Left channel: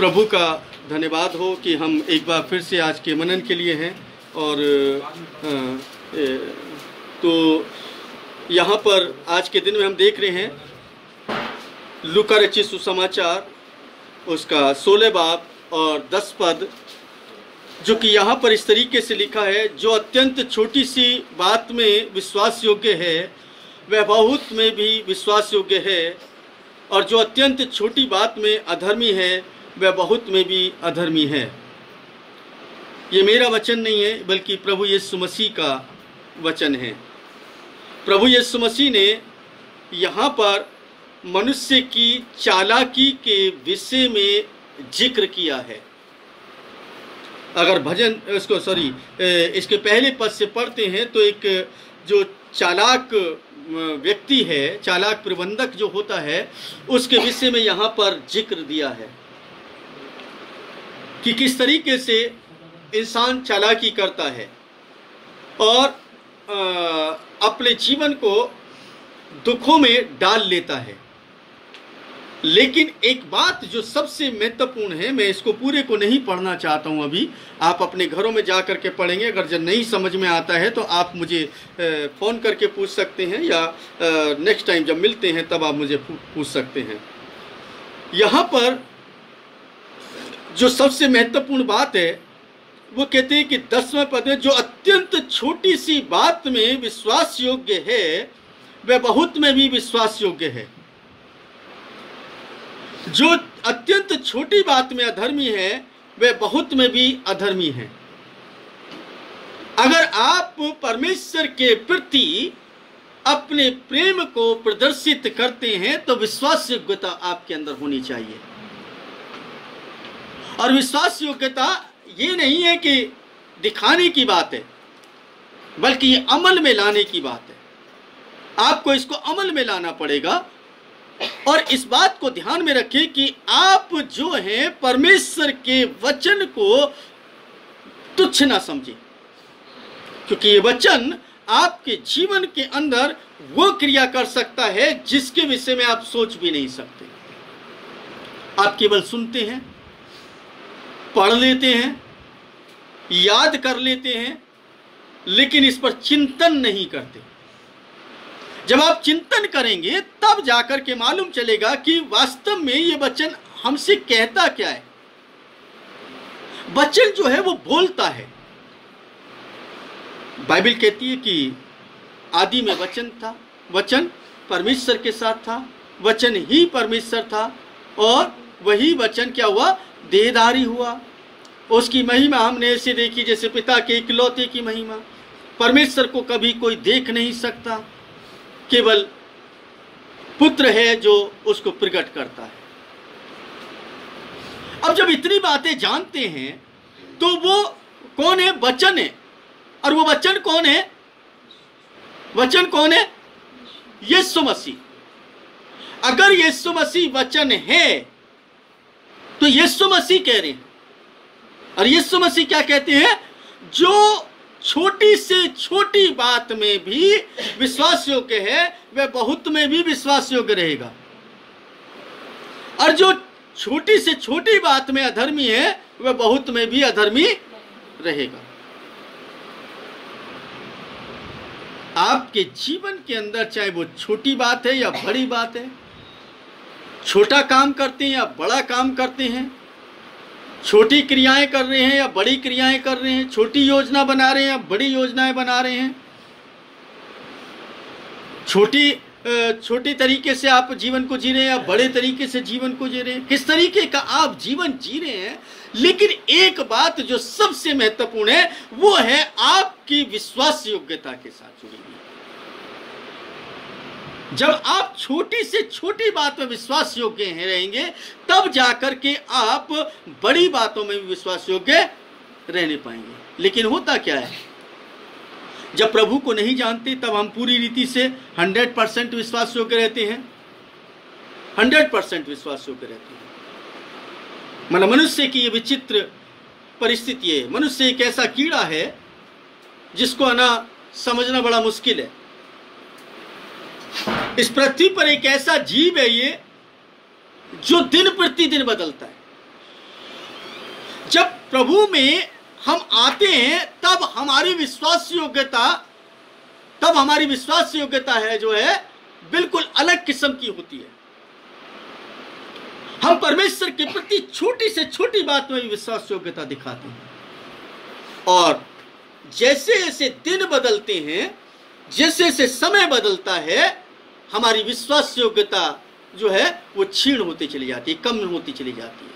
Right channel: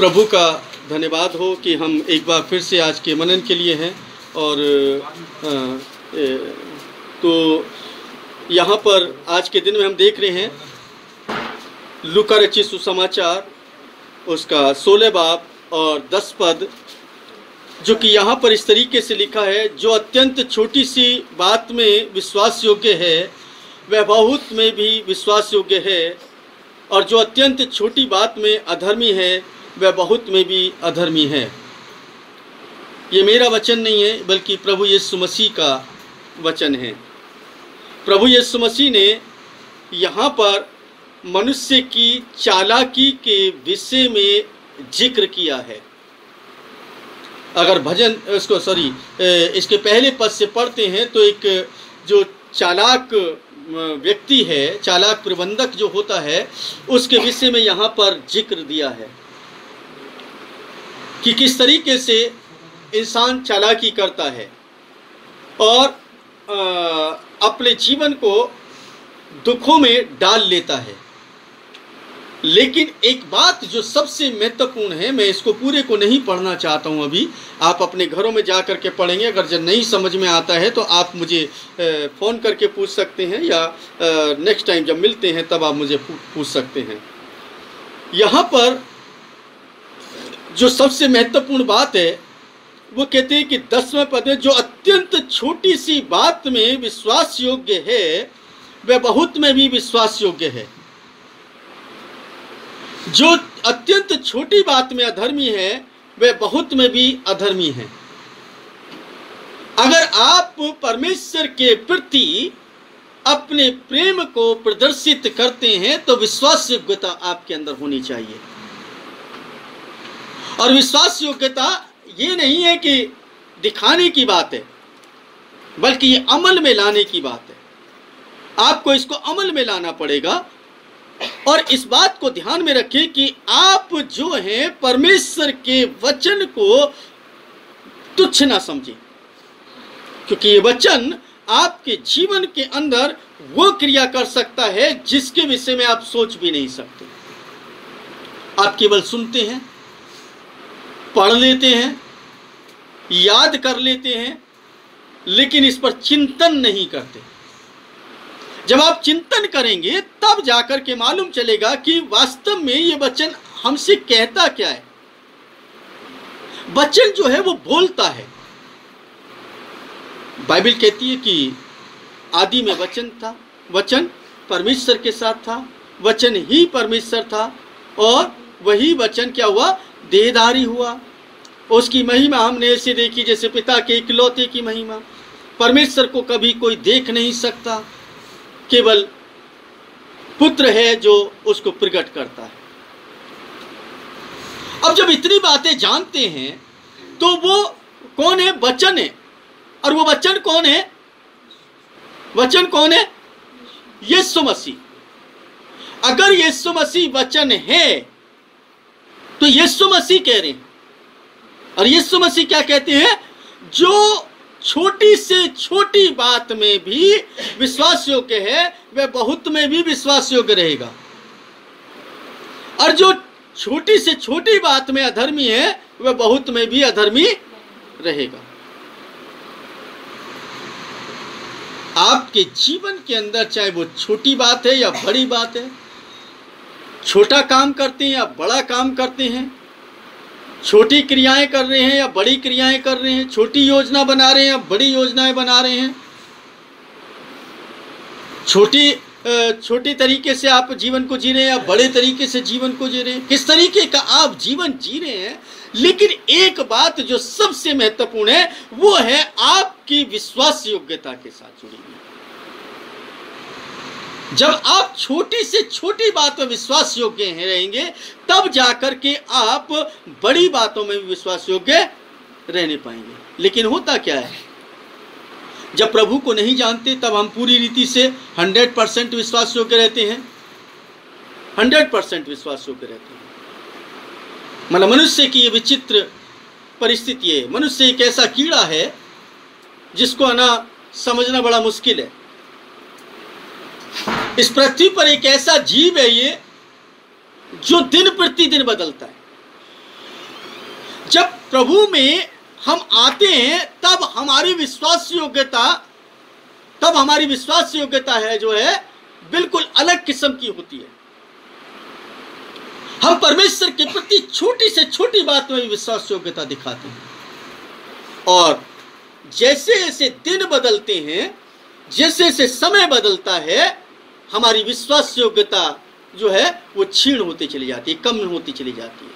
प्रभु का धन्यवाद हो कि हम एक बार फिर से आज के मनन के लिए हैं। और तो यहाँ पर आज के दिन में हम देख रहे हैं लूका रचित सुसमाचार उसका 16 बाब और 10 पद, जो कि यहाँ पर इस तरीके से लिखा है, जो अत्यंत छोटी सी बात में विश्वास योग्य है वह बहुत में भी विश्वास योग्य है, और जो अत्यंत छोटी बात में अधर्मी है वह बहुत में भी अधर्मी है। ये मेरा वचन नहीं है बल्कि प्रभु यीशु मसीह का वचन है। प्रभु यीशु मसीह ने यहाँ पर मनुष्य की चालाकी के विषय में जिक्र किया है। अगर भजन इसके पहले पद से पढ़ते हैं तो एक जो चालाक व्यक्ति है, चालाक प्रबंधक जो होता है, उसके विषय में यहाँ पर जिक्र दिया है कि किस तरीके से इंसान चालाकी करता है और अपने जीवन को दुखों में डाल लेता है। लेकिन एक बात जो सबसे महत्वपूर्ण है, मैं इसको पूरे को नहीं पढ़ना चाहता हूं अभी, आप अपने घरों में जा करके पढ़ेंगे। अगर जब नहीं समझ में आता है तो आप मुझे फ़ोन करके पूछ सकते हैं, या नेक्स्ट टाइम जब मिलते हैं तब आप मुझे पूछ सकते हैं। यहाँ पर जो सबसे महत्वपूर्ण बात है वो कहते हैं कि 10वें पद में, जो अत्यंत छोटी सी बात में विश्वास योग्य है वह बहुत में भी विश्वास योग्य है। जो अत्यंत छोटी बात में अधर्मी है वह बहुत में भी अधर्मी है। अगर आप परमेश्वर के प्रति अपने प्रेम को प्रदर्शित करते हैं तो विश्वास योग्यता आपके अंदर होनी चाहिए। और विश्वास योग्यता ये नहीं है कि दिखाने की बात है, बल्कि ये अमल में लाने की बात है। आपको इसको अमल में लाना पड़ेगा। और इस बात को ध्यान में रखें कि आप जो हैं परमेश्वर के वचन को तुच्छ ना समझें, क्योंकि ये वचन आपके जीवन के अंदर वो क्रिया कर सकता है जिसके विषय में आप सोच भी नहीं सकते। आप केवल सुनते हैं, पढ़ लेते हैं, याद कर लेते हैं, लेकिन इस पर चिंतन नहीं करते। जब आप चिंतन करेंगे तब जाकर के मालूम चलेगा कि वास्तव में ये वचन हमसे कहता क्या है। वचन जो है वो बोलता है। बाइबल कहती है कि आदि में वचन था, वचन परमेश्वर के साथ था, वचन ही परमेश्वर था, और वही वचन क्या हुआ, देहधारी हुआ। उसकी महिमा हमने ऐसे देखी जैसे पिता के इकलौते की महिमा। परमेश्वर को कभी कोई देख नहीं सकता, केवल पुत्र है जो उसको प्रकट करता है। अब जब इतनी बातें जानते हैं तो वो कौन है, वचन है। और वो वचन कौन है, वचन कौन है, यीशु मसीह। अगर यीशु मसीह वचन है तो यीशु मसीह कह रहे हैं, और यीशु मसीह क्या कहते हैं, जो छोटी से छोटी बात में भी विश्वास योग्य है वह बहुत में भी विश्वास योग्य रहेगा, और जो छोटी से छोटी बात में अधर्मी है वह बहुत में भी अधर्मी रहेगा। आपके जीवन के अंदर चाहे वो छोटी बात है या बड़ी बात है, छोटा काम करते हैं या बड़ा काम करते हैं, छोटी क्रियाएं कर रहे हैं या बड़ी क्रियाएं कर रहे हैं, छोटी योजना बना रहे हैं या बड़ी योजनाएं बना रहे हैं, छोटी तरीके से आप जीवन को जी रहे हैं या बड़े तरीके से जीवन को जी रहे हैं, किस तरीके का आप जीवन जी रहे हैं। लेकिन एक बात जो सबसे महत्वपूर्ण है वो है आपकी विश्वास योग्यता के साथ जुड़ी हुई। जब आप छोटी से छोटी बात में विश्वास योग्य रहेंगे तब जाकर के आप बड़ी बातों में भी विश्वास योग्य रहने पाएंगे। लेकिन होता क्या है, जब प्रभु को नहीं जानते तब हम पूरी रीति से 100% विश्वास योग्य रहते हैं, 100% विश्वास योग्य रहते हैं। मतलब मनुष्य की ये विचित्र परिस्थिति है। मनुष्य एक ऐसा कीड़ा है जिसको आना समझना बड़ा मुश्किल है। इस पृथ्वी पर एक ऐसा जीव है ये जो दिन प्रतिदिन बदलता है। जब प्रभु में हम आते हैं तब हमारी विश्वास योग्यता है जो है बिल्कुल अलग किस्म की होती है। हम परमेश्वर के प्रति छोटी से छोटी बात में भी विश्वास योग्यता दिखाते हैं, और जैसे जैसे दिन बदलते हैं, जैसे जैसे समय बदलता है, हमारी विश्वास योग्यता जो है वो क्षीण होती चली जाती है, कम होती चली जाती है।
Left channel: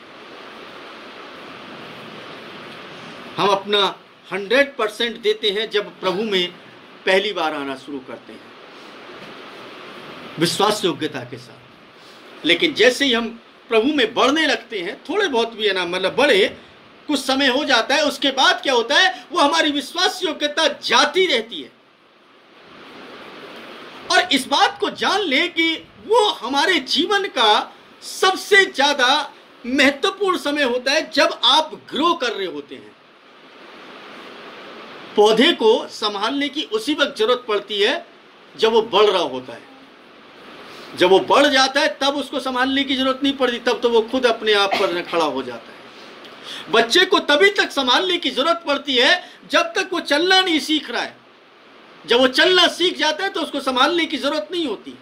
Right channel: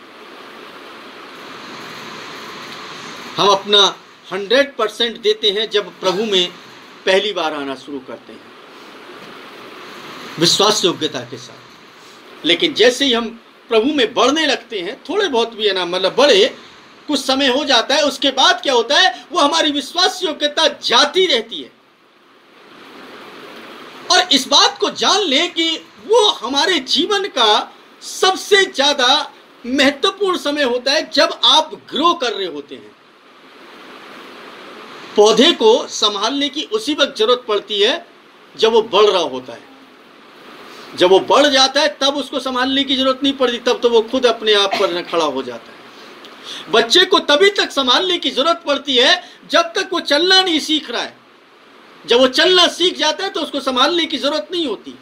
हम अपना 100% देते हैं जब प्रभु में पहली बार आना शुरू करते हैं विश्वास योग्यता के साथ, लेकिन जैसे ही हम प्रभु में बढ़ने लगते हैं, थोड़े बहुत भी है ना, मतलब बढ़े, कुछ समय हो जाता है, उसके बाद क्या होता है, वो हमारी विश्वास योग्यता जाती रहती है। और इस बात को जान लें कि वो हमारे जीवन का सबसे ज्यादा महत्वपूर्ण समय होता है जब आप ग्रो कर रहे होते हैं। पौधे को संभालने की उसी वक्त जरूरत पड़ती है जब वो बढ़ रहा होता है। जब वो बढ़ जाता है तब उसको संभालने की जरूरत नहीं पड़ती, तब तो वो खुद अपने आप पर खड़ा हो जाता है। बच्चे को तभी तक संभालने की जरूरत पड़ती है जब तक वो चलना नहीं सीख रहा है। जब वो चलना सीख जाता है तो उसको संभालने की जरूरत नहीं होती।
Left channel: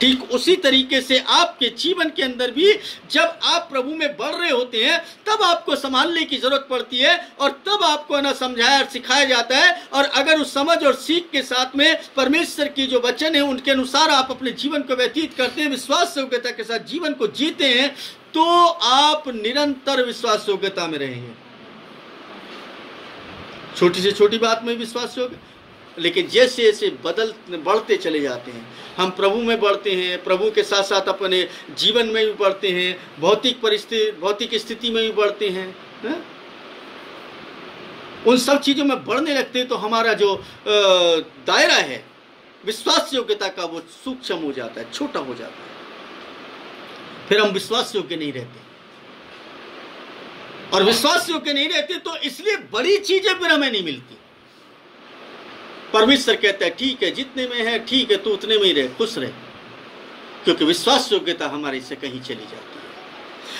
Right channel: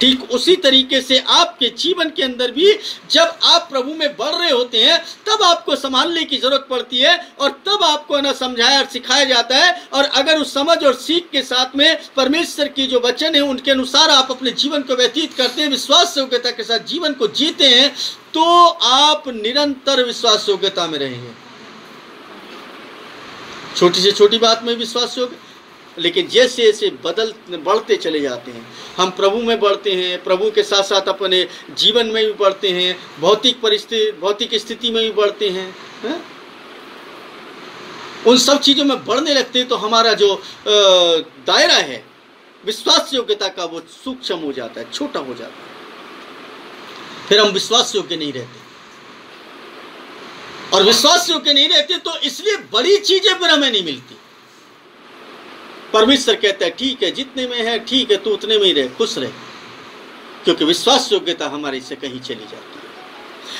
ठीक उसी तरीके से आपके जीवन के अंदर भी जब आप प्रभु में बढ़ रहे होते हैं तब आपको संभालने की जरूरत पड़ती है, और तब आपको ना समझाया और सिखाया जाता है। और अगर उस समझ और सीख के साथ में परमेश्वर की जो वचन है उनके अनुसार आप अपने जीवन को व्यतीत करते हैं, विश्वास योग्यता के साथ जीवन को जीते हैं, तो आप निरंतर विश्वास योग्यता में रहेंगे। छोटी से छोटी बात में विश्वास योग्य, लेकिन जैसे जैसे बढ़ते चले जाते हैं, हम प्रभु में बढ़ते हैं, प्रभु के साथ साथ अपने जीवन में भी बढ़ते हैं, भौतिक स्थिति में भी बढ़ते हैं, उन सब चीजों में बढ़ने लगते हैं, तो हमारा जो दायरा है विश्वास योग्यता का वो सूक्ष्म हो जाता है, छोटा हो जाता है। फिर हम विश्वास योग्य नहीं रहते, और विश्वास योग्य नहीं रहते तो इसलिए बड़ी चीजें फिर हमें नहीं मिलती। परमेश्वर कहता है ठीक है, जितने में है ठीक है, तू उतने में ही रहे, खुश रहे, क्योंकि विश्वास योग्यता हमारी से कहीं चली जाती है।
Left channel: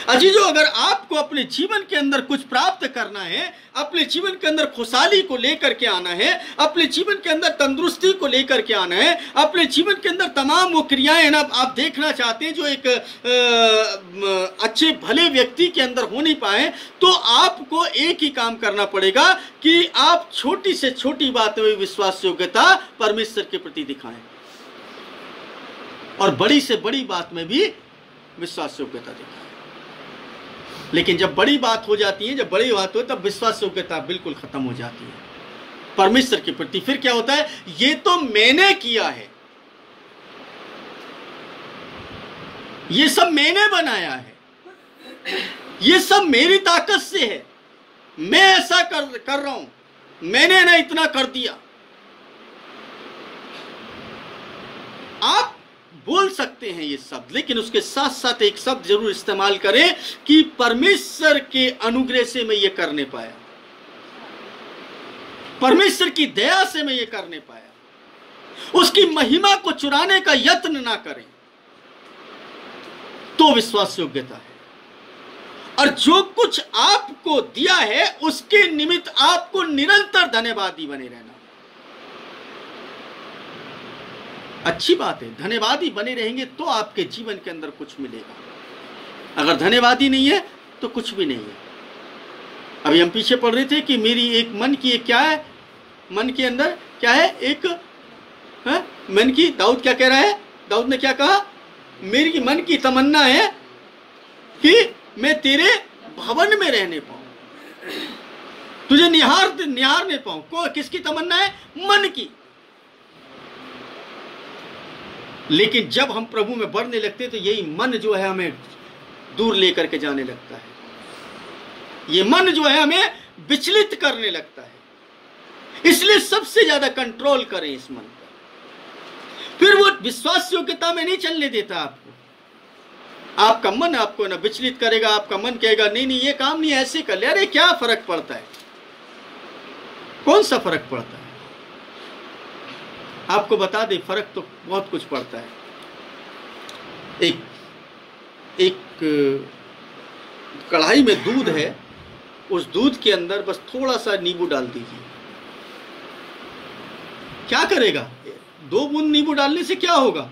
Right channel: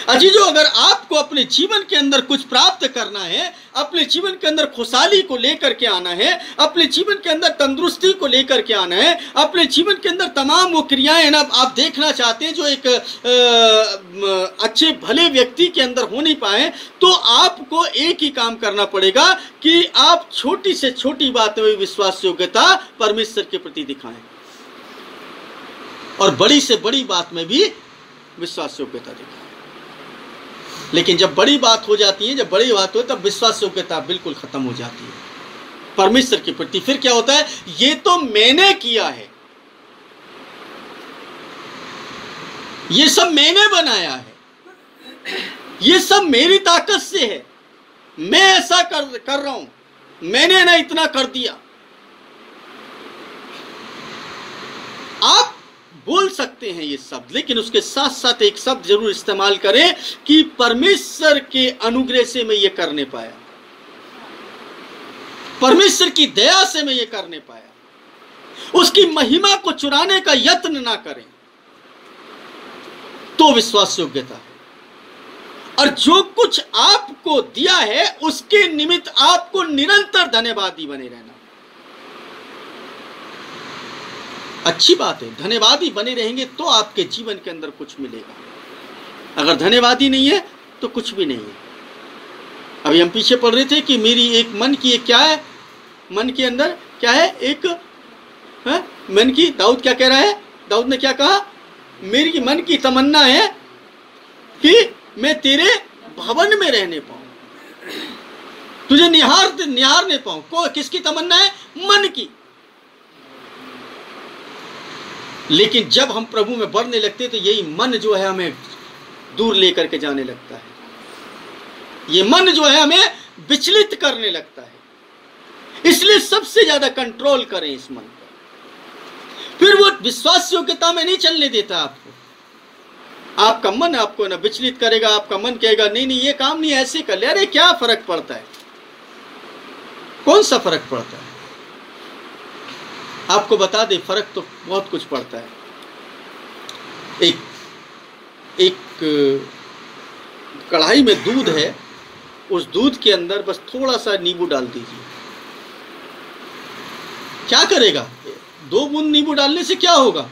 अजीजों, अगर आपको अपने जीवन के अंदर कुछ प्राप्त करना है, अपने जीवन के अंदर खुशहाली को लेकर के आना है, अपने जीवन के अंदर तंदुरुस्ती को लेकर के आना है, अपने जीवन के अंदर तमाम वो क्रियाएं हैं ना आप देखना चाहते हैं जो एक अच्छे भले व्यक्ति के अंदर हो नहीं पाए, तो आपको एक ही काम करना पड़ेगा कि आप छोटी से छोटी बात में विश्वास योग्यता परमेश्वर के प्रति दिखाएं, और बड़ी से बड़ी बात में भी विश्वास योग्यता दिखाएं। लेकिन जब बड़ी बात हो जाती है, जब बड़ी बात हो तब विश्वास योग्यता बिल्कुल खत्म हो जाती है परमेश्वर के प्रति। फिर क्या होता है, ये तो मैंने किया है, ये सब मैंने बनाया है, ये सब मेरी ताकत से है, मैं ऐसा कर रहा हूं, मैंने ना इतना कर दिया। आप बोल सकते हैं ये शब्द, लेकिन उसके साथ साथ एक शब्द जरूर इस्तेमाल करें कि परमेश्वर के अनुग्रह से मैं ये करने पाया, परमेश्वर की दया से मैं ये करने पाया। उसकी महिमा को चुराने का यत्न ना करें, तो विश्वास योग्यता है। और जो कुछ आपको दिया है उसके निमित्त आपको निरंतर धन्यवादी बने रहना। अच्छी बात है, धन्यवादी बने रहेंगे तो आपके जीवन के अंदर कुछ मिलेगा। अगर धन्यवादी नहीं है तो कुछ भी नहीं है। अभी हम पीछे पढ़ रहे थे कि मेरी एक मन की एक क्या है, मन के अंदर क्या है, एक मन की, दाऊद क्या कह रहा है, दाऊद ने क्या कहा, मेरी मन की तमन्ना है कि मैं तेरे भवन में रहने पाऊं, तुझे निहारने पाऊं। किसकी तमन्ना है, मन की। लेकिन जब हम प्रभु में बढ़ने लगते हैं तो यही मन जो है हमें दूर लेकर के जाने लगता है, ये मन जो है हमें विचलित करने लगता है। इसलिए सबसे ज्यादा कंट्रोल करें इस मन पर। फिर वो विश्वास योग्यता में नहीं चलने देता आपको। आपका मन आपको ना विचलित करेगा, आपका मन कहेगा नहीं नहीं ये काम नहीं, ऐसे कर ले, अरे क्या फर्क पड़ता है, कौन सा फर्क पड़ता है। आपको बता दे फर्क तो बहुत कुछ पड़ता है। एक कढ़ाई में दूध है उस दूध के अंदर बस थोड़ा सा नींबू डाल दीजिए। क्या करेगा? 2 बूंद नींबू डालने से क्या होगा?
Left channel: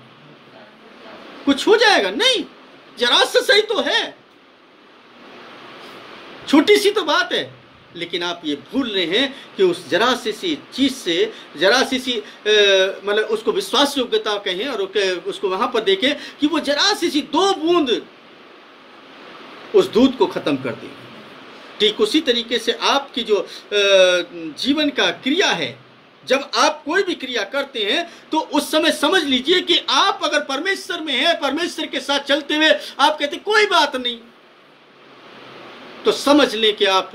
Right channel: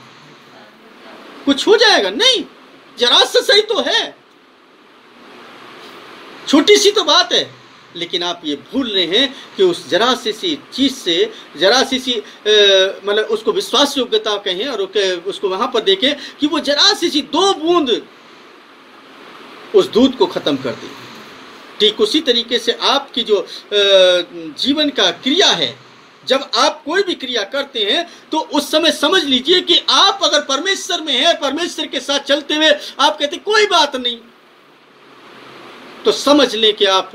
कुछ हो जाएगा? नहीं, जरा सा सही तो है, छोटी सी तो बात है। लेकिन आप ये भूल रहे हैं कि उस जरा सी चीज से, जरा सी मतलब उसको विश्वास योग्यता कहें और उसको वहां पर देखें कि वो जरा सी 2 बूंद उस दूध को खत्म कर दी। ठीक उसी तरीके से आपकी जो जीवन का क्रिया है, जब आप कोई भी क्रिया करते हैं तो उस समय समझ लीजिए कि आप अगर परमेश्वर में हैं, परमेश्वर के साथ चलते हुए आप कहते कोई बात नहीं, तो समझ लें कि आप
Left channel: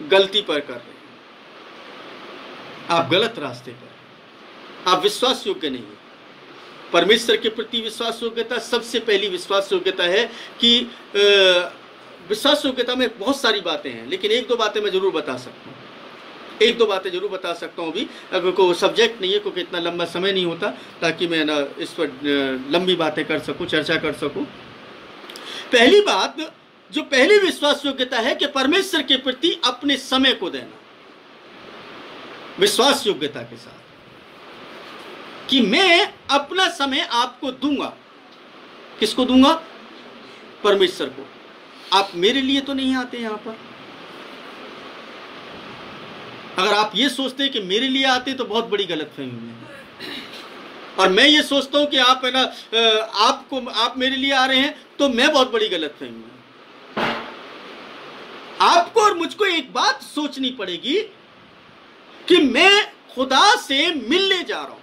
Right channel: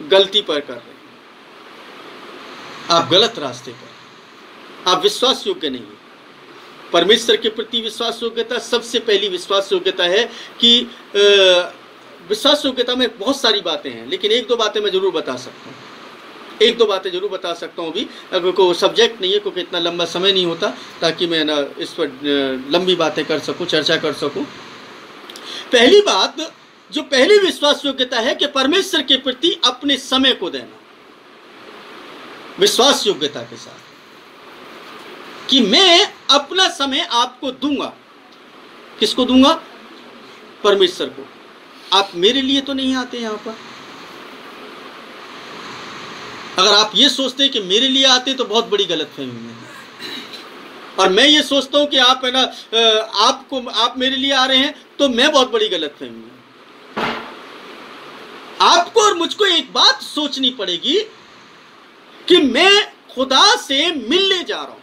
गलती पर कर रहे हैं, आप गलत रास्ते पर, आप विश्वास योग्य नहीं है। परमेश्वर के प्रति विश्वास योग्यता, सबसे पहली विश्वास योग्यता है कि विश्वास योग्यता में बहुत सारी बातें हैं, लेकिन 1-2 बातें मैं जरूर बता सकता हूँ, 1-2 बातें जरूर बता सकता हूँ अभी, अगर कोई सब्जेक्ट नहीं है, क्योंकि इतना लंबा समय नहीं होता ताकि मैं ना इस पर लंबी बातें कर सकूं, चर्चा कर सकूं। पहली बात, जो पहली विश्वास योग्यता है कि परमेश्वर के प्रति अपने समय को देना, विश्वास योग्यता के साथ कि मैं अपना समय आपको दूंगा। किसको दूंगा? परमेश्वर को। आप मेरे लिए तो नहीं आते यहां पर। अगर आप ये सोचते हैं कि मेरे लिए आते तो बहुत बड़ी गलतफहमी है, और मैं ये सोचता हूं कि आप है ना आप मेरे लिए आ रहे हैं तो मैं बहुत बड़ी गलतफहमी है। आपको और मुझको एक बात सोचनी पड़ेगी कि मैं खुदा से मिलने जा रहा हूं,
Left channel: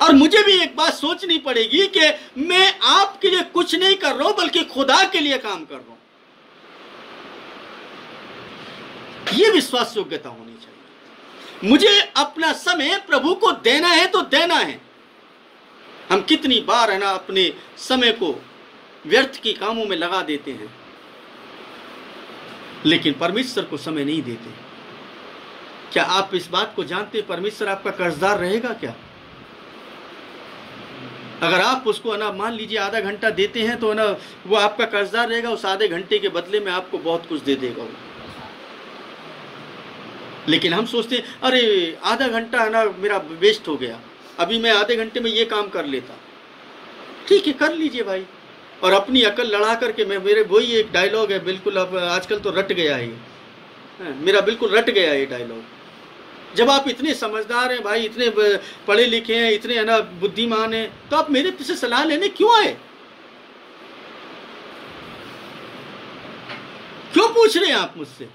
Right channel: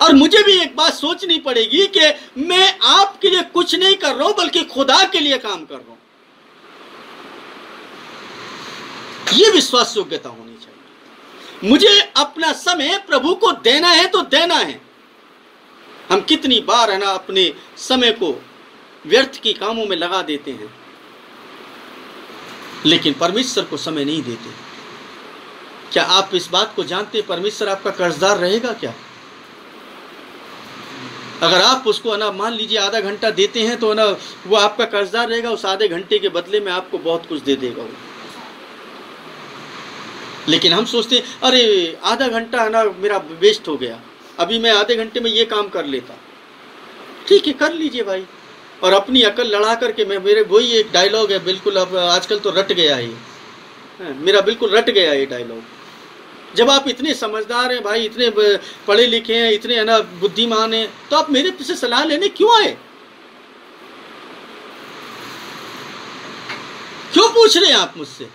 और मुझे भी एक बात सोचनी पड़ेगी कि मैं आपके लिए कुछ नहीं कर रहा हूं बल्कि खुदा के लिए काम कर रहा हूं। यह विश्वास योग्यता होनी चाहिए। मुझे अपना समय प्रभु को देना है तो देना है। हम कितनी बार है ना अपने समय को व्यर्थ के कामों में लगा देते हैं, लेकिन परमेश्वर को समय नहीं देते। क्या आप इस बात को जानते हैं परमेश्वर आपका कर्जदार रहेगा क्या? अगर आप उसको ना मान लीजिए आधा घंटा देते हैं तो ना वो आपका कर्जदार रहेगा, उस आधे घंटे के बदले में आपको बहुत कुछ दे देगा वो। लेकिन हम सोचते हैं अरे आधा घंटा है ना मेरा वेस्ट हो गया, अभी मैं आधे घंटे में ये काम कर लेता। ठीक है, कर लीजिए भाई, और अपनी अकल लड़ा करके मेरे वही एक डायलॉग है, बिल्कुल अब आजकल तो रट गया है, मेरा बिल्कुल रट गया ये डायलॉग। जब आप इतने समझदार हैं भाई, इतने पढ़े लिखे हैं, इतने है ना बुद्धिमान हैं, तो आप मेरे से सलाह लेने क्यों आए? क्यों पूछ रहे हैं आप मुझसे?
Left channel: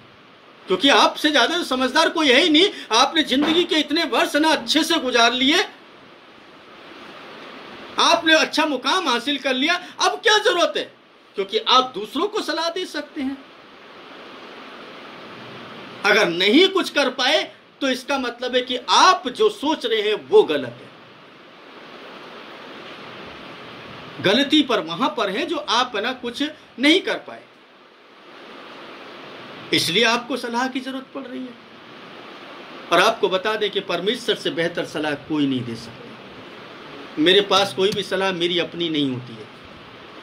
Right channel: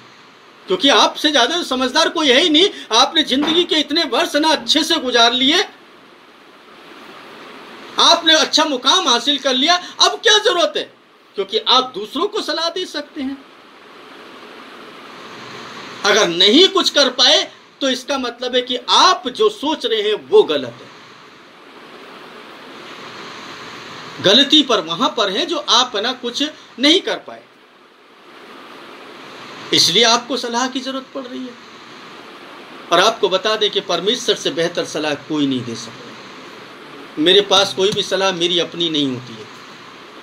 क्योंकि आपसे ज्यादा समझदार कोई है ही नहीं। आपने जिंदगी के इतने वर्ष ना अच्छे से गुजार लिए, आपने अच्छा मुकाम हासिल कर लिया, अब क्या जरूरत है? क्योंकि आप दूसरों को सलाह दे सकते हैं। अगर नहीं कुछ कर पाए तो इसका मतलब है कि आप जो सोच रहे हैं वो गलत है। गलती पर वहां पर है जो आप ना कुछ नहीं कर पाए, इसलिए आपको सलाह की जरूरत पड़ रही है। और आपको बता दें कि परमेश्वर से बेहतर सलाह कोई नहीं दे सकता। मेरे पास कोई भी सलाह मेरी अपनी नहीं होती है।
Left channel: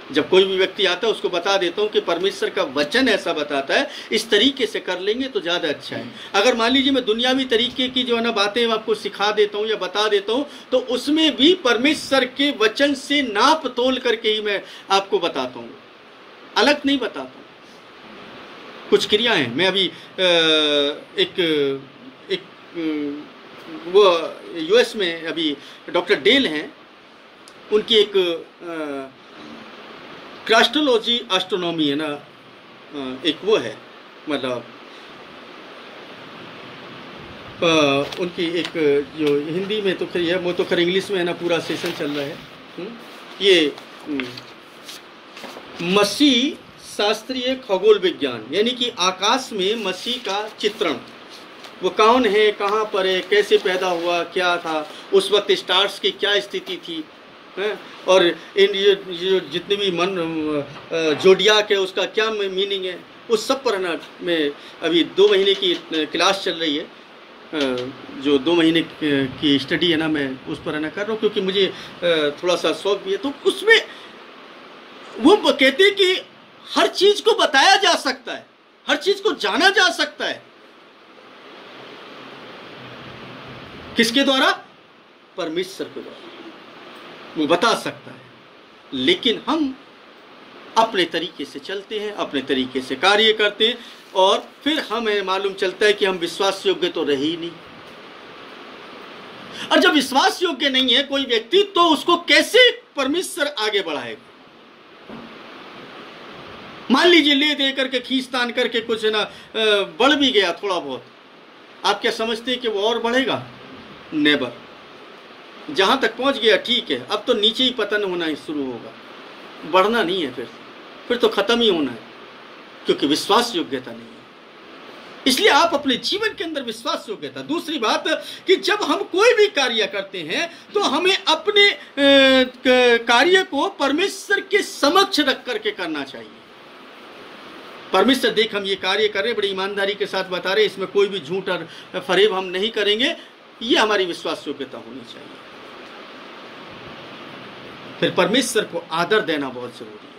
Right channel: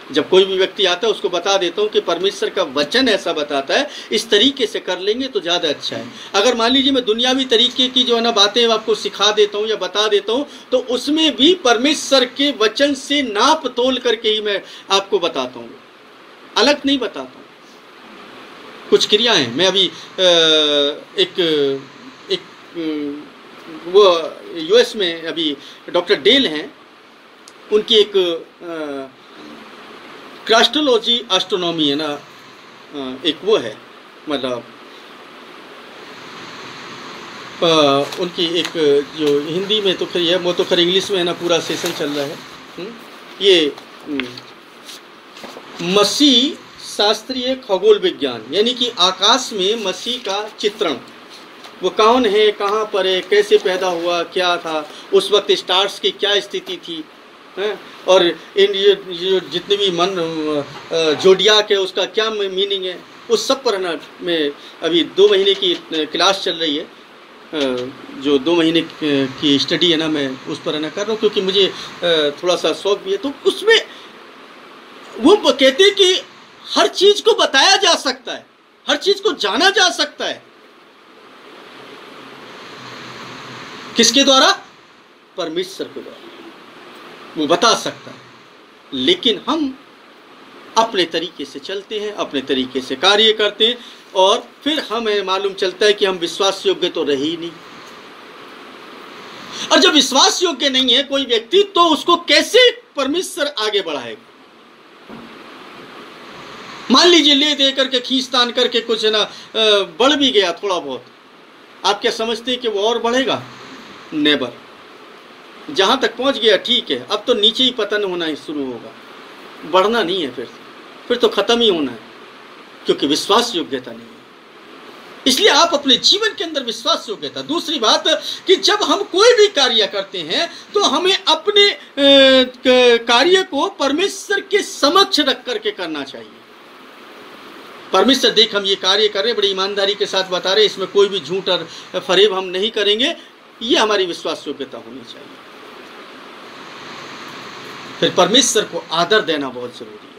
जब कोई भी व्यक्ति आता है उसको बता देता हूं कि परमेश्वर का वचन ऐसा बताता है, इस तरीके से कर लेंगे तो ज्यादा अच्छा है। अगर मान लीजिए मैं दुनियावी तरीके की जो है ना बातें आपको सिखा देता हूं या बता देता हूं, तो उसमें भी परमेश्वर के वचन से नाप तोल करके ही मैं आपको बताता हूं, अलग नहीं बताता हूं। कुछ क्रियाएं मैं अभी वो यूएस में अभी डॉक्टर डेल हैं, उनकी एक क्रास्ट्रोलॉजी एस्ट्रोनॉमी है ना, एक वो है, मतलब उनकी एक जो हिंदी में तो खैर है, वो तो खैर इंग्लिश में है ना पूरा सेशन चल रहा है। ये मसीह शास्त्रीय खगोल विज्ञान, यानी कि आकाश में मसीह का चित्रण, वो कौन है, कहाँ पर है, कैसे पैदा हुआ, क्या था उस वक्त, स्टार्स की क्या स्थिति थी, और इन ये जितने भी मन जोडियाक है उसका क्या मीनिंग है, उस सब पर ना मैं अभी 2 महीने की क्लास चल रही है, जो 2 महीने की स्टडी है ना, मैं उस पर ना कर रहा हूँ, क्योंकि मुझे थोड़ा सा शौक भी है। तो उसमें वो कहते हैं कि हर चीज को बताया जा सकता है, हर चीज को जाना जा सकता है। किसके द्वारा? परमेश्वर के द्वारा, वो बता सकता है। लेकिन हम अपने तरीके से चलते हैं, अपने तरीके से कार्य करते हैं, और फिर हमें मालूम चलता है कि हम विश्वास योग्य तो रहे ही नहीं। और जब विश्वास योग्य नहीं है कोई व्यक्ति, तो उसको कैसे परमेश्वर आगे बढ़ाएगा? मान लीजिए ले दे करके खींचतान करके कुछ ना बढ़ भी गया थोड़ा बहुत, आप क्या समझते हैं कि वो और बढ़ेगा? नेवर। जहां तक पहुंच गया ठीक है, अब तो नीचे ही पतन होना ही शुरू होगा, बढ़ना नहीं है, फिर तो खत्म ही होना है, क्योंकि विश्वास योग्यता नहीं है। इसलिए आप अपने जीवन के अंदर विश्वास योग्यता। दूसरी बात कि जब हम कोई भी कार्य करते हैं तो हमें अपने कार्य को परमेश्वर के समक्ष रख करके करना चाहिए। परमेश्वर देख, हम ये कार्य कर रहे हैं, बड़ी ईमानदारी के साथ बता रहे हैं, इसमें कोई भी झूठ और फरेब हम नहीं करेंगे, ये हमारी विश्वास योग्यता होनी चाहिए। फिर परमेश्वर को आदर देना बहुत जरूरी है।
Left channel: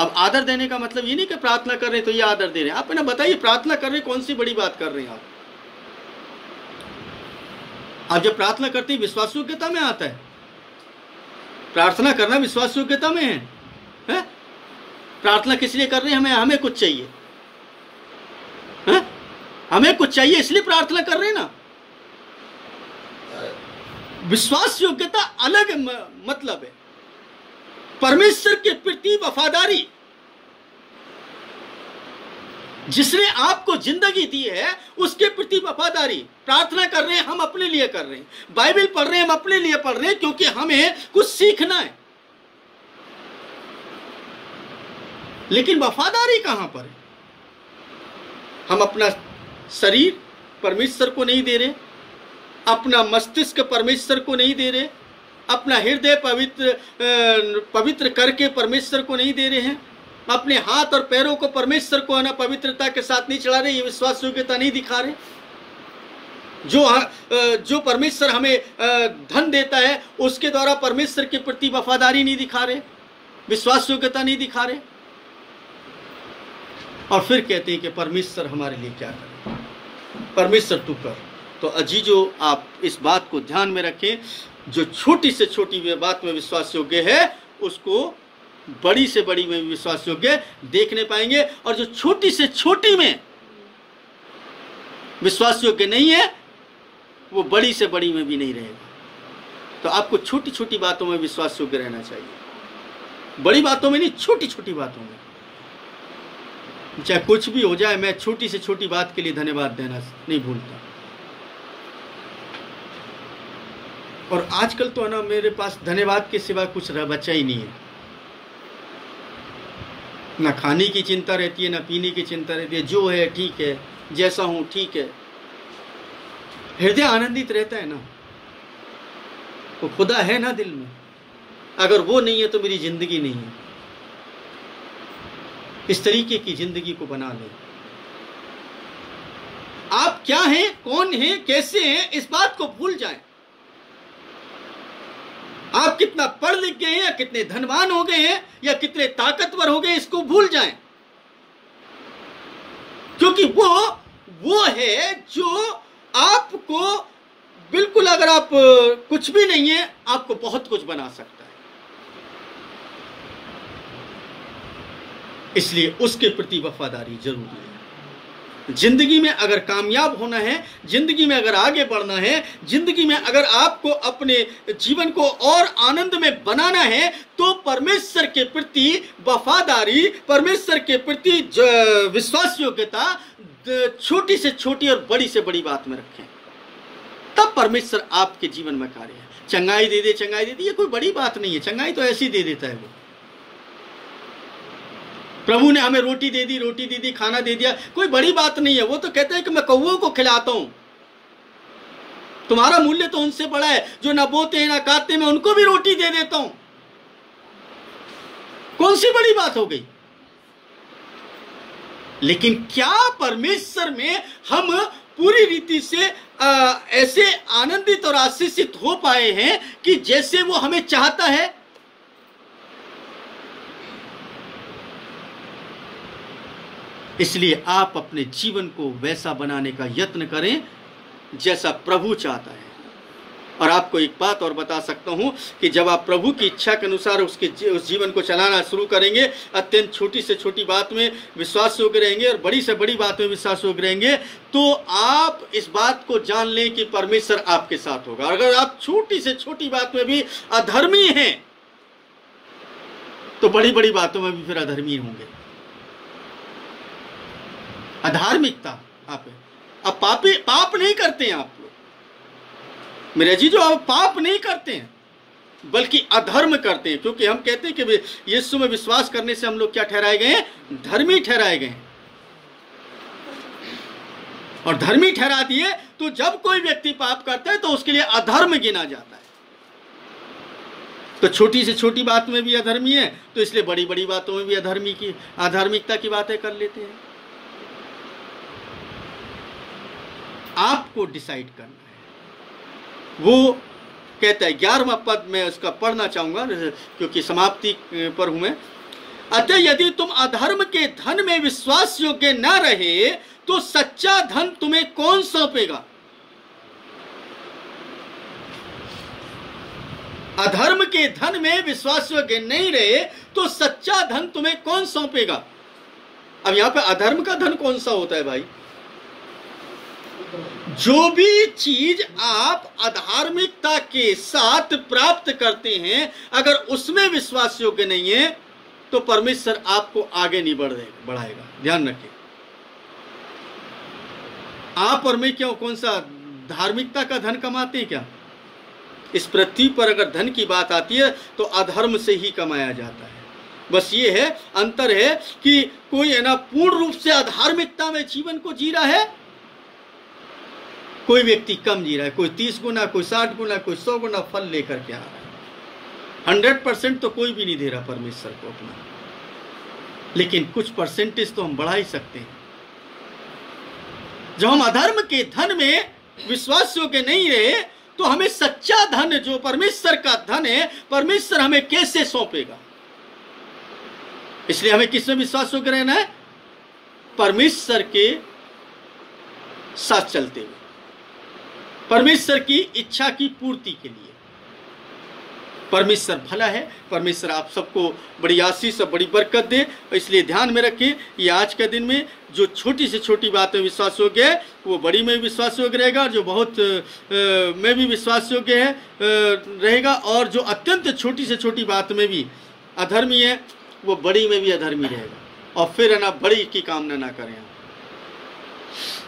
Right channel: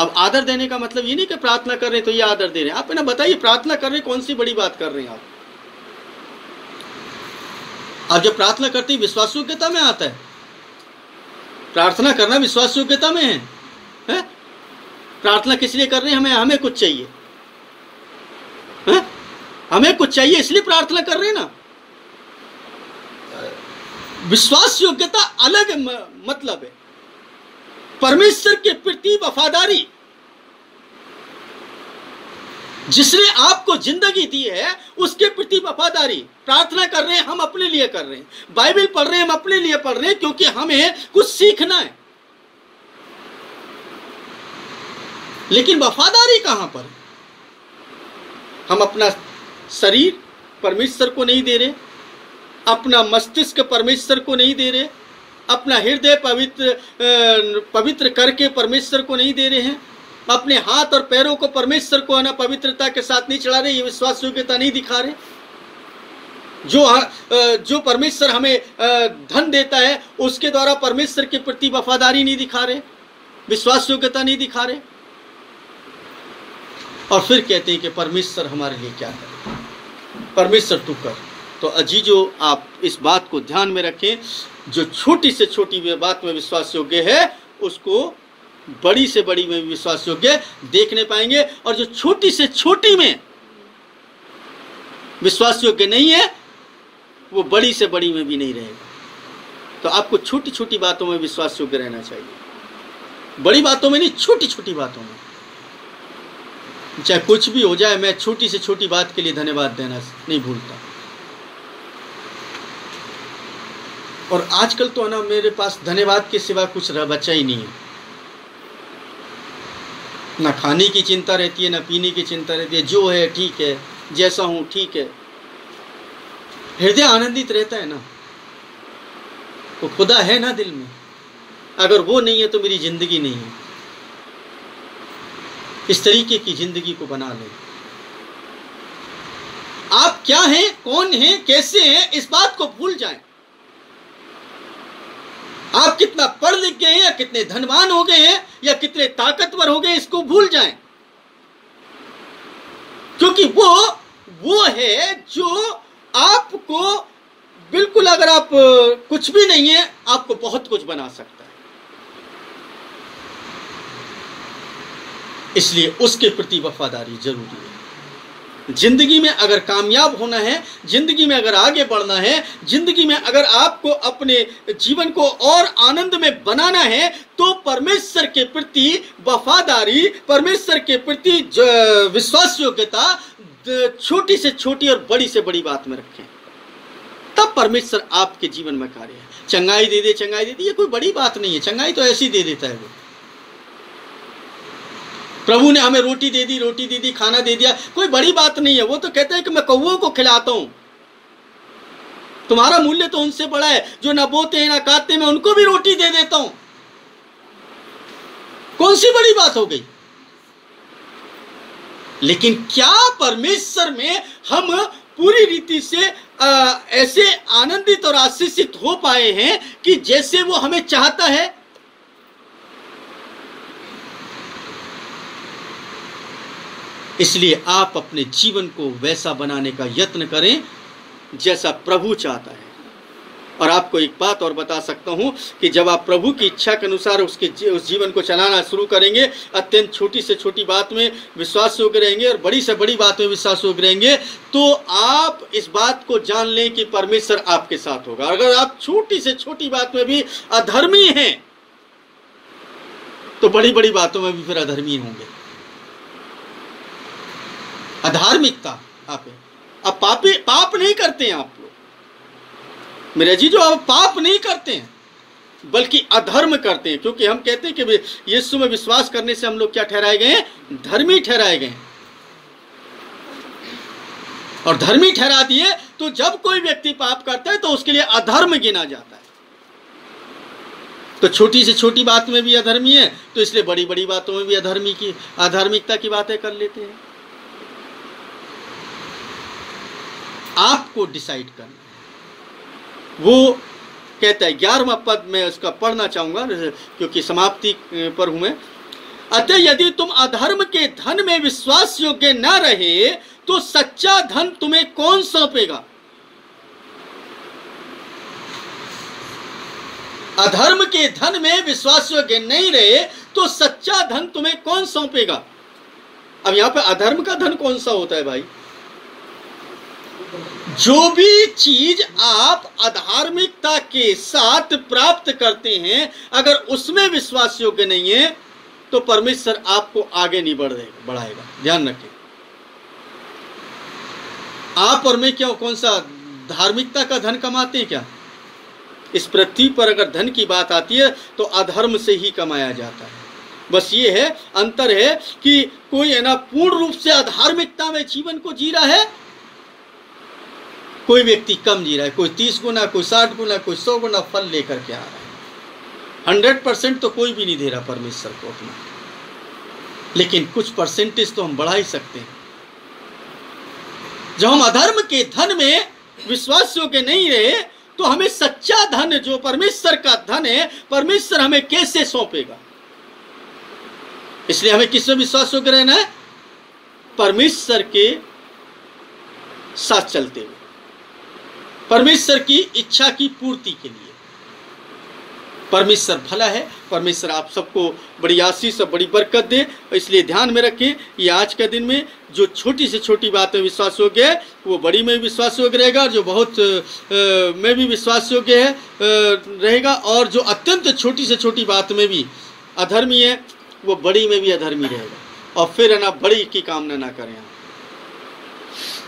अब आदर देने का मतलब ये नहीं कि प्रार्थना कर रहे हैं तो ये आदर दे रहे हैं। आप ना बताइए, प्रार्थना कर रहे हैं, कौन सी बड़ी बात कर रहे हैं आप जब प्रार्थना करते हैं विश्वास योग्यता में आता है। प्रार्थना करना विश्वास योग्यता में है? प्रार्थना किस लिए कर रहे हैं? हमें कुछ चाहिए, हमें कुछ चाहिए इसलिए प्रार्थना कर रहे हैं ना। विश्वास योग्यता अलग मतलब है। परमेश्वर के प्रति वफादारी, जिसने आपको जिंदगी दी है उसके प्रति वफादारी। प्रार्थना कर रहे हैं हम अपने लिए कर रहे हैं, बाइबल पढ़ रहे हैं हम अपने लिए पढ़ रहे हैं, क्योंकि हमें कुछ सीखना है। लेकिन वफादारी कहां पर है? हम अपना शरीर परमेश्वर को नहीं दे रहे, अपना मस्तिष्क परमेश्वर को नहीं दे रहे, अपना हृदय पवित्र करके परमेश्वर को नहीं दे रहे हैं, अपने हाथ और पैरों को परमेश्वर को ना पवित्रता के साथ नहीं चला रहे, ये विश्वास योग्यता नहीं दिखा रहे। जो परमेश्वर हमें धन देता है उसके द्वारा परमेश्वर के प्रति वफादारी नहीं दिखा रहे, विश्वास योग्यता नहीं दिखा रहे, और फिर कहते हैं कि परमेश्वर हमारे लिए क्या करे, परमेश्वर तू कर। तो अजीजों, आप इस बात को ध्यान में रखें, जो छोटी से छोटी बात में विश्वास योग्य है उसको बड़ी से बड़ी में विश्वास योग्य देखने पाएंगे, और जो छोटी से छोटी में विश्वास योग्य नहीं है वो बड़ी से बड़ी में भी नहीं रहेगा। तो आपको छोटी छोटी बातों में विश्वास योग्य रहना चाहिए, बड़ी बातों में नहीं, छोटी छोटी बातों में। चाहे कुछ भी हो जाए, मैं छोटी से छोटी बात के लिए धन्यवाद देना नहीं भूलता। और आजकल तो है ना, मेरे पास धन्यवाद के सिवा कुछ बचा ही नहीं है। ना खाने की चिंता रहती है, ना पीने की चिंता रहती है, जो है ठीक है, जैसा हूं ठीक है। हृदय आनंदित रहता है ना, वो खुदा है ना दिल में, अगर वो नहीं है तो मेरी जिंदगी नहीं है। इस तरीके की जिंदगी को बना लें। आप क्या हैं, कौन हैं, कैसे हैं, इस बात को भूल जाएं। आप कितना पढ़ लिख गए हैं, या कितने धनवान हो गए हैं, या कितने ताकतवर हो गए, इसको भूल जाएं। क्योंकि वो है जो आपको बिल्कुल, अगर आप कुछ भी नहीं है, आपको बहुत कुछ बना सकता है। इसलिए उसके प्रति वफादारी जरूरी है। जिंदगी में अगर कामयाब होना है, जिंदगी में अगर आगे बढ़ना है, जिंदगी में अगर आपको अपने जीवन को और आनंद में बनाना है, तो परमेश्वर के प्रति वफादारी, परमेश्वर के प्रति विश्वास योग्यता छोटी से छोटी और बड़ी से बड़ी बात में रखें। तब परमेश्वर आपके जीवन में कार्य है। चंगाई दे दे, चंगाई दे दे, ये कोई बड़ी बात नहीं है। चंगाई तो ऐसी दे देता है वो। प्रभु ने हमें रोटी दे दी, खाना दे दिया, कोई बड़ी बात नहीं है। वो तो कहते हैं कि मैं कौवों को खिलाता हूं। तुम्हारा मूल्य तो उनसे बड़ा है जो ना बोते हैं ना काटते हैं, मैं उनको भी रोटी दे देता हूं। कौन सी बड़ी बात हो गई? लेकिन क्या परमेश्वर में हम पूरी रीति से ऐसे आनंदित और आशीषित हो पाए हैं कि जैसे वो हमें चाहता है? इसलिए आप अपने जीवन को वैसा बनाने का यत्न करें जैसा प्रभु चाहता है। और आपको एक बात और बता सकता हूं कि जब आप प्रभु की इच्छा के अनुसार उस जीवन को चलाना शुरू करेंगे, अत्यंत छोटी से छोटी बात में विश्वास योग्य रहेंगे और बड़ी से बड़ी बात में विश्वास योग्य रहेंगे, तो आप इस बात को जान लें कि परमेश्वर आपके साथ होगा। अगर आप छोटी से छोटी बात में भी अधर्मी हैं तो बड़ी बड़ी बातों में भी फिर अधर्मी होंगे। अधार्मिकता आप पाप नहीं करते हैं आप लोग मेरे जी, जो आप पाप नहीं करते हैं बल्कि अधर्म करते हैं, क्योंकि हम कहते हैं कि यीशु में विश्वास करने से हम लोग क्या ठहराए गए हैं? धर्मी ठहराए गए हैं। और धर्मी ठहरा दिए तो जब कोई व्यक्ति पाप करता है तो उसके लिए अधर्म गिना जाता है। तो छोटी से छोटी बात में भी अधर्मी है, तो इसलिए बड़ी बड़ी बातों में भी अधार्मिकता की बातें कर लेते हैं। आपको डिसाइड करना है। वो कहता है 11वां पद में उसका पढ़ना चाहूंगा क्योंकि समाप्ति पर हूं मैं। अतः यदि तुम अधर्म के धन में विश्वास योग्य न रहे तो सच्चा धन तुम्हें कौन सौंपेगा? अधर्म के धन में विश्वास योग्य नहीं रहे तो सच्चा धन तुम्हें कौन सौंपेगा? अब यहां पे अधर्म का धन कौन सा होता है भाई? जो भी चीज आप अधार्मिकता के साथ प्राप्त करते हैं, अगर उसमें विश्वास योग्य नहीं है तो परमेश्वर आपको आगे नहीं बढ़ाएगा। ध्यान रखें। आप और मैं क्या कौन सा धार्मिकता का धन कमाते हैं क्या? इस पृथ्वी पर अगर धन की बात आती है तो अधर्म से ही कमाया जाता है। बस ये है, अंतर है कि कोई है ना पूर्ण रूप से अधार्मिकता में जीवन को जी रहा है, कोई व्यक्ति कम जी रहा है, कोई 30 गुना, कोई 60 गुना, कोई 100 गुना फल लेकर के आ रहा है। 100% तो कोई भी नहीं दे रहा परमेश्वर को अपना, लेकिन कुछ परसेंटेज तो हम बढ़ा ही सकते हैं। जब हम अधर्म के धन में विश्वास योग्य नहीं रहे तो हमें सच्चा धन जो परमेश्वर का धन है, परमेश्वर हमें कैसे सौंपेगा? इसलिए हमें किस में विश्वास योग्य रहना है? परमेश्वर के साथ चलते हुए, परमेश्वर की इच्छा की पूर्ति के लिए। परमेश्वर भला है। परमेश्वर आप सबको बड़ी आशीष और बड़ी बरकत दे। इसलिए ध्यान में रखें, ये आज के दिन में जो छोटी से छोटी बात में विश्वास योग्य है वो बड़ी में भी विश्वास योग्य रहेगा, और जो बहुत में भी विश्वास योग्य है रहेगा, और जो अत्यंत छोटी से छोटी बात में भी अधर्मी है वो बड़ी में भी अधर्मी रहेगा। और फिर है ना, बड़ी की कामना ना करें। आप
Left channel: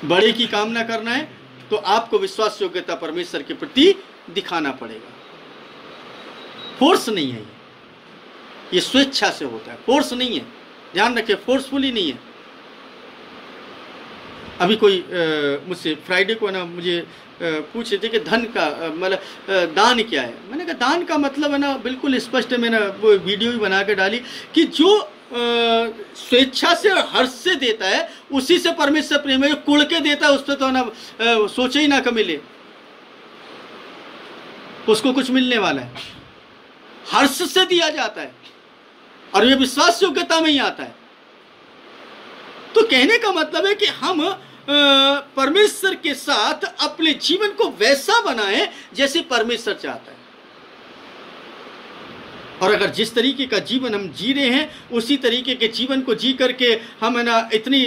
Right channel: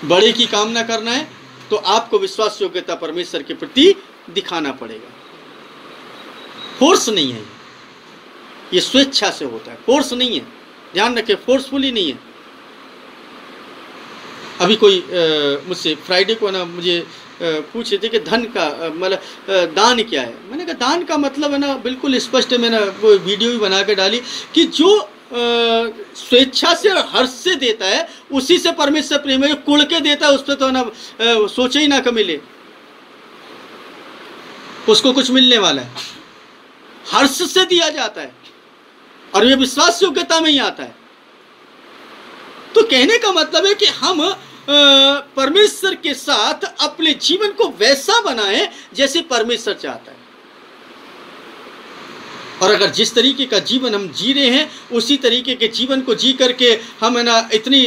बड़ी की कामना करना है तो आपको विश्वास योग्यता परमेश्वर के प्रति दिखाना पड़ेगा। फोर्स नहीं है ये स्वेच्छा से होता है, फोर्स नहीं है। ध्यान रखें, फोर्सफुली नहीं है। अभी कोई मुझसे फ्राइडे को ना मुझे पूछ रहे थे कि धन का मतलब दान क्या है। मैंने कहा दान का मतलब है ना बिल्कुल स्पष्ट है। मैंने वो वीडियो भी बना के डाली कि जो स्वेच्छा से और हर्ष से देता है उसी से परमेश्वर प्रेम है। कुड़ के देता है उस पर तो ना सोचे ही ना कि मिले, उसको कुछ मिलने वाला है। हर्ष से दिया जाता है और ये विश्वास योग्यता में ही आता है। तो कहने का मतलब है कि हम परमेश्वर के साथ अपने जीवन को वैसा बनाएं जैसे परमेश्वर चाहता है। और अगर जिस तरीके का जीवन हम जी रहे हैं उसी तरीके के जीवन को जी करके हम है ना इतनी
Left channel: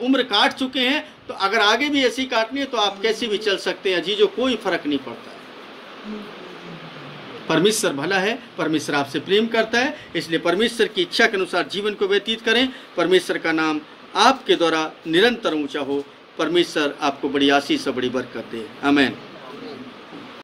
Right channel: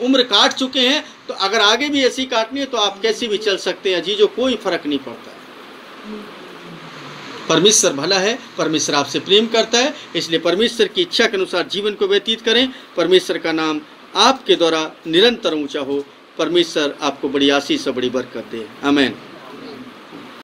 उम्र काट चुके हैं, तो अगर आगे भी ऐसी काटनी है तो आप कैसे भी चल सकते हैं जी, जो कोई फर्क नहीं पड़ता है। परमेश्वर भला है, परमेश्वर आपसे प्रेम करता है, इसलिए परमेश्वर की इच्छा के अनुसार जीवन को व्यतीत करें। परमेश्वर का नाम आपके द्वारा निरंतर ऊंचा हो। परमेश्वर आपको बड़ी आशीष और बड़ी बरकत दे। आमीन।